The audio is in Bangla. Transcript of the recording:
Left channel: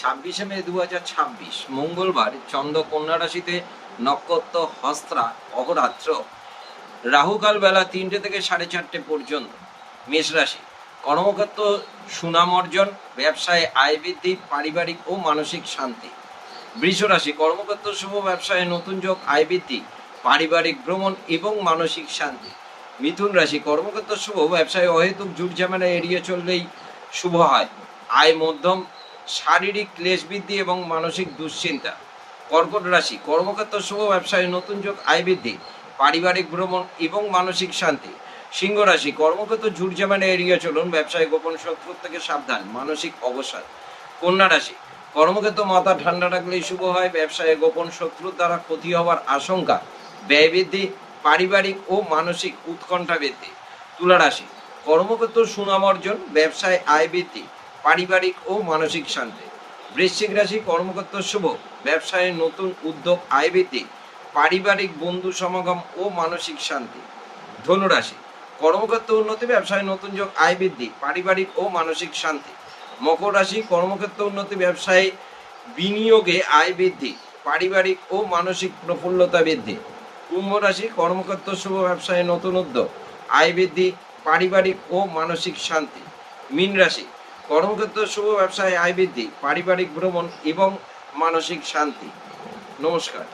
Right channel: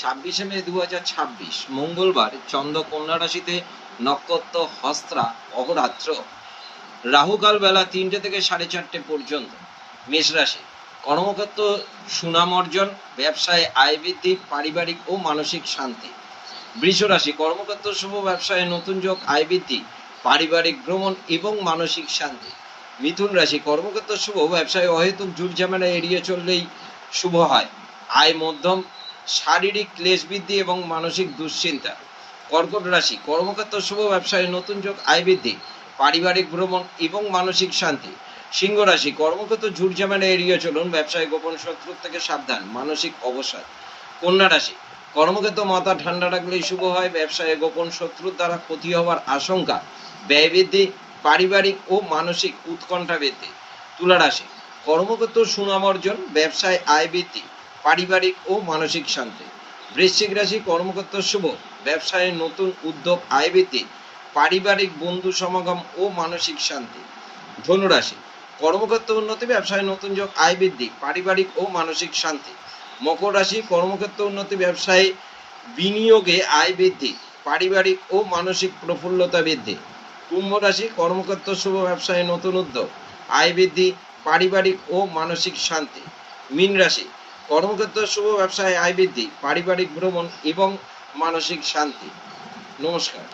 26 মে 2026 মঙ্গলবার চন্দ্র কন্যা রাশিতে, নক্ষত্র হস্তা, অহরাত্র, রাহুকাল বেলা 3টে থেকে 4:30 পর্যন্ত। মেষ রাশি, কর্মক্ষেত্র সুনাম অর্জন, ব্যবসায় আয় বৃদ্ধি, পারিবারিক ও মানসিক শান্তি। বৃষ রাশি, কর্মক্ষেত্র শুভ, ব্যবসায় নতুন যোগ, আয় বৃদ্ধি, পারিবারিক ভ্রমণ এবং মানসিক শান্তি। মিথুন রাশি, কর্মক্ষেত্র শুভ, ব্যবসায় অহেতুক ঝুট ঝামেলা এড়িয়ে চললেই শুভ হয়, আয় মধ্যম, শারীরিক ক্লেশ বৃদ্ধি এবং মানসিক দুশ্চিন্তা। কর্কট রাশি, কর্মক্ষেত্র শুভ, ব্যবসায় নতুন যোগ, আয় বৃদ্ধি, পারিবারিক ভ্রমণ এবং মানসিক শান্তি। সিংহ রাশি, কর্মক্ষেত্র ঝুট ঝামেলা এড়িয়ে চলুন, ব্যবসায় গোপন শত্রু থেকে সাবধান, মানসিক অবসাদ। কন্যা রাশি, কর্মক্ষেত্র মাথা ঠান্ডা রাখলেই শুভ হয়, ব্যবসায় গোপন শত্রুর দ্বারা ক্ষতি হওয়ার আশঙ্কা, ব্যয় বৃদ্ধি, পারিবারিক ও মানসিক উৎকণ্ঠা বৃদ্ধি। তুলা রাশি, কর্মক্ষেত্র সুনাম অর্জন, ব্যবসায় আয় বৃদ্ধি, পারিবারিক ও মানসিক শান্তি। বৃশ্চিক রাশি, কর্মক্ষেত্র শুভ, ব্যবসায় নতুন উদ্যোগ, আয় বৃদ্ধি, পারিবারিক বন্ধু সমাগম ও মানসিক শান্তি। ধনু রাশি, কর্মক্ষেত্র উন্নতি, ব্যবসায় নতুন যোগ, আয় বৃদ্ধি, পারিবারিক ও মানসিক শান্তি। মকর রাশি, কর্মক্ষেত্র উন্নতি, ব্যবসায় বিনিয়োগে আয় বৃদ্ধি, পারিবারিক ও মানসিক প্রফুল্লতা বৃদ্ধি। কুম্ভ রাশি, কর্মক্ষেত্র শুভ, ব্যবসায় নতুন উদ্যোগ, আয় বৃদ্ধি, পারিবারিক ও মানসিক শান্তি। মীন রাশি, কর্মক্ষেত্র শুভ, ব্যবসায় আয় বৃদ্ধি, পারিবারিক ভ্রমণ এবং মানসিক শান্তি। নমস্কার।